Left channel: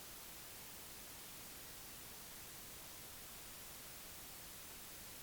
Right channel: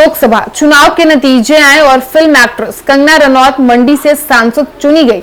लोकसभा चुनाव के नतीजे आए और फिल्म एक्ट्रेस कंगना रनौत मंडी से सांसद चुनी गई।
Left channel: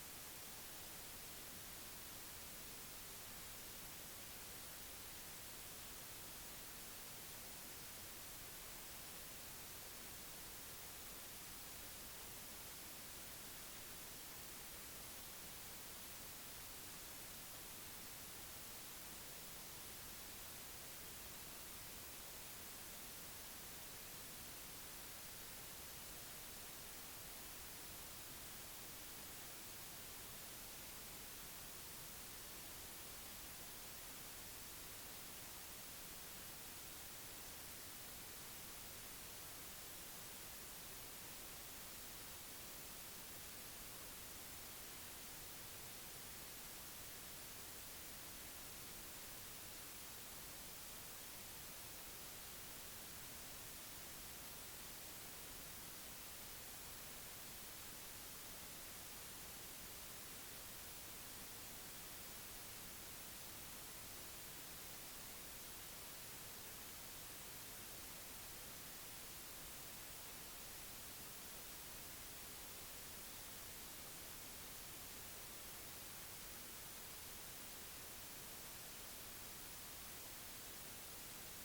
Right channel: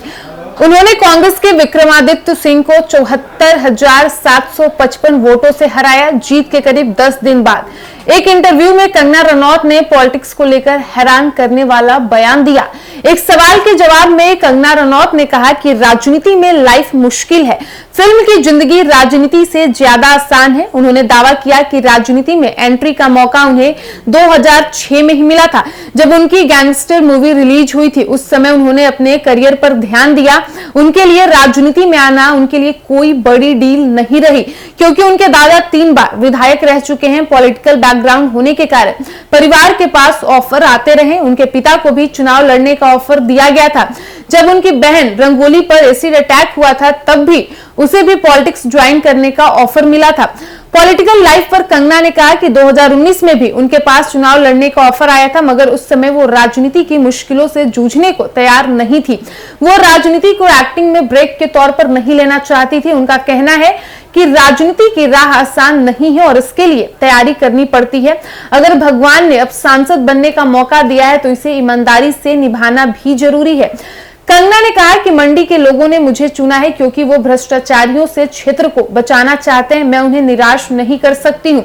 उन्होंने कांग्रेस के विक्रमादित्य सिंह को 74,755 वोटों से हराया। जीत के करीब 10 दिन बाद एक इंटरव्यू में कंगना रनौत ने पॉलिटिक्स को लेकर हैरान करने वाला बयान दिया। एक सवाल के जवाब में कंगना रनौत ने कहा कि राजनीति में लाइफ मुश्किल है, फिल्म की जिंदगी राजनीति से ज्यादा आसान है। उन्होंने दावा किया कि राजनीति में एंट्री का मौका उन्हें 2006 में ही मिला था, जब उनकी गैंगस्टर मूवी रिलीज हुई थी। उस समय उन्होंने अपने करियर पर ध्यान दिया। उनके लिए राजनीति में आना उनके लिए कोई बड़ी डील नहीं रही, क्योंकि उनके दादा 3 बार विधायक रह चुके हैं। पॉलिटिकल बैकग्राउंड होने के कारण परिवार के पास ऑफर आते रहे। उनके पिता को भी चुनाव लड़ने का ऑफर दिया गया था। जब उनकी बहन रंगोली पर एसिड अटैक हुआ था, तब भी उसे भी पॉलिटिक्स ज्वाइन करने का ऑफर मिला था। पॉलिटिकल लाइफ पर कंगना ने कहा कि 2019 में भी उनके पास चुनाव लड़ने का ऑफर आया था, मगर उस समय वो राजनीति की मुश्किलों से जूझने को तैयार नहीं थी। वो राजनीति को एक्टिंग में ब्रेक के तौर पर नहीं लेना चाहती थी। उनका कहना है कि राजनीति की राह आसान नहीं है और इसके लिए तैयारी करनी पड़ती है। अगर भगवान ने अब सांसद बनने का मौका दिया है तो इसे ईमानदारी से निभाना भी जरूरी है। कंगना ने कहा कि मंडी के लोगों ने मुझे चुना है क्योंकि वो भ्रष्टाचारियों से क्षेत्र को बचाना चाहते हैं। मैं उन्हें निराश नहीं कर सकती हूँ।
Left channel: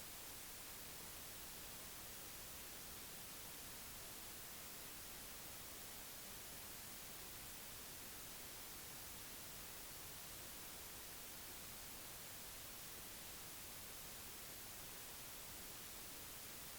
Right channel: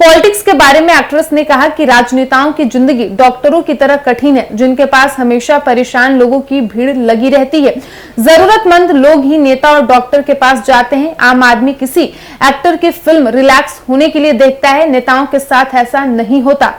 पॉलिटिक्स के बारे में एक्ट्रेस ने कहा कि राजनेताओं की जिंदगी डॉक्टरों की तरह कठिन है, जिनके पास हमेशा परेशान लोगों की भीड़ लगी रहती है। जरूरतमंद लोग ही नेता और डॉक्टर के पास जाते हैं। आम आदमी किसी एक्टर की फिल्म रिलैक्स होने के लिए देखता है, नेताओं के साथ ऐसा नहीं होता।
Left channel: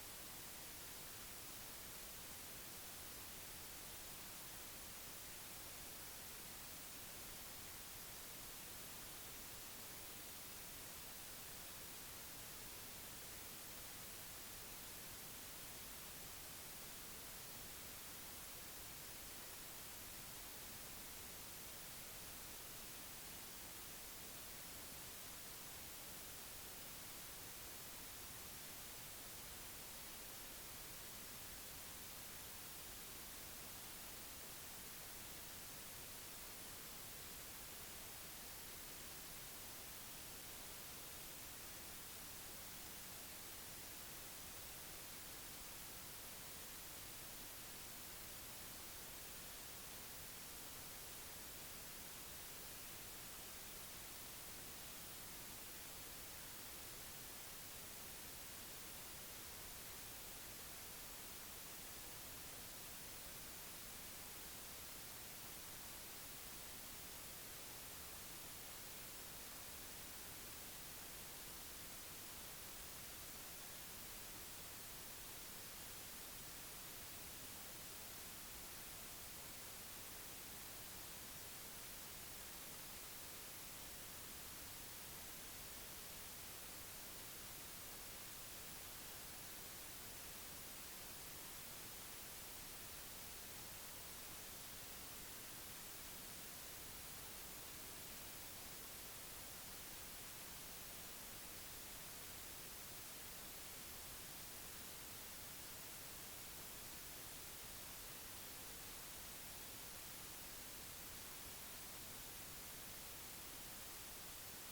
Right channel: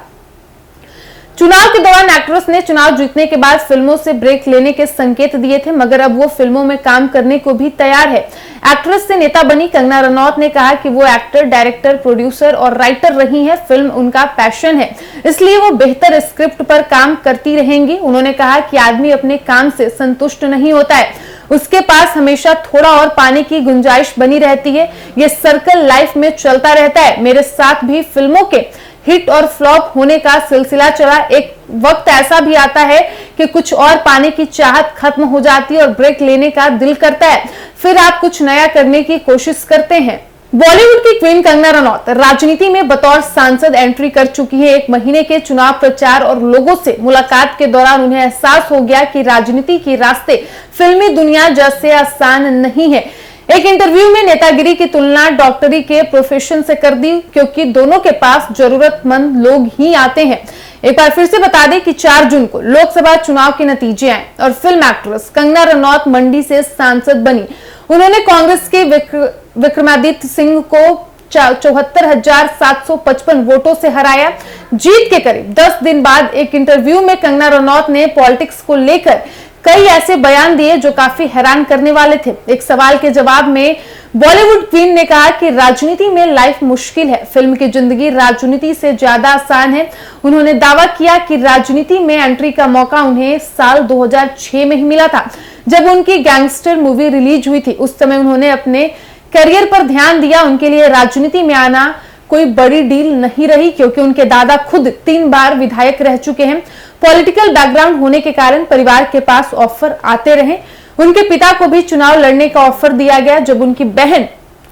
चुनाव के दौरान एक्ट्रेस ने चुनाव जीतने के बाद फिल्मों से ब्रेक लेने के संकेत दिए थे, मगर अब वो फिल्मों में काम करने को भी तैयार है। एक्ट्रेस से नेता बनी कंगना रनौत ने कहा कि वो एक्टर, डायरेक्टर, प्रोड्यूसर और राइटर रही हैं। फिल्म उनका पैशन है, इसलिए वो बेहतर स्क्रिप्ट पर काम करती रहेंगी। उन्होंने कहा कि आदमी अपने काम से संतुष्ट नहीं होता है, उसके पास हमेशा थोड़ा और पाने की गुंजाइश बनी रहती है। ये सर्कल लाइफ में चलता रहता है। मेरे साथ भी फिल्मों के हिट और फ्लॉप होने का सिलसिला चला। एक वक्त ऐसा भी आता है कि कुछ और पाने की चाहत खत्म हो जाती है और ब्रेक लेने का दिल करता है, फिर आप कुछ नया करने की कोशिश करते हैं। बॉलीवुड की क्वीन कंगना रनौत राजनीति में बतौर सांसद एंट्री कर चुकी है। 1 महीने के चुनाव प्रचार और लोगों से मुलाकात के दौरान उन्हें एहसास हो गया कि राजनीति के रास्ते फिल्मी दुनिया जैसे आसान नहीं है। एक इंटरव्यू में नेतागिरी की तुलना डॉक्टरी के प्रोफेशन से कर दी, क्योंकि दोनों के पास जरूरतमंद लोग ही आते हैं। एक बार फिर से बता दें कि 4 जून को लोकसभा चुनाव के नतीजे आए और फिल्म एक्ट्रेस कंगना रनौत मंडी से सांसद बनी। उन्होंने कांग्रेस के विक्रमादित्य सिंह को 74,755 वोटों से हराया। जीत के करीब 10 दिन बाद एक इंटरव्यू में कंगना रनौत ने पॉलिटिक्स को लेकर कई ऐसे बयान दिए जो काफी हैरान करने वाले थे। एक सवाल के जवाब में बॉलीवुड क्वीन ने कहा कि राजनीति में लाइफ मुश्किल है, फिल्म की जिंदगी राजनीति से ज्यादा आसान है। उन्होंने दावा किया कि राजनीति में एंट्री का मौका उन्हें साल 2006 में ही मिला था, जब उनकी गैंगस्टर मूवी रिलीज हुई थी। उस समय उन्होंने अपने करियर पर ध्यान दिया। उनके लिए राजनीति में आना कोई बड़ी डील नहीं रही, क्योंकि उनके दादा खुद 3 बार विधायक रह चुके हैं। पॉलिटिकल बैकग्राउंड होने के कारण परिवार के पास ऑफर आते रहे। उनके पिता को भी चुनाव लड़ने का ऑफर दिया गया। जब उनकी बहन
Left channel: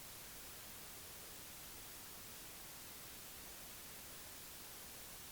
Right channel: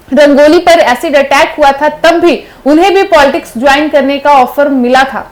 रंगोली पर एसिड अटैक हुआ था, तब भी उन्हें भी पॉलिटिक्स ज्वाइन करने का ऑफर मिला था।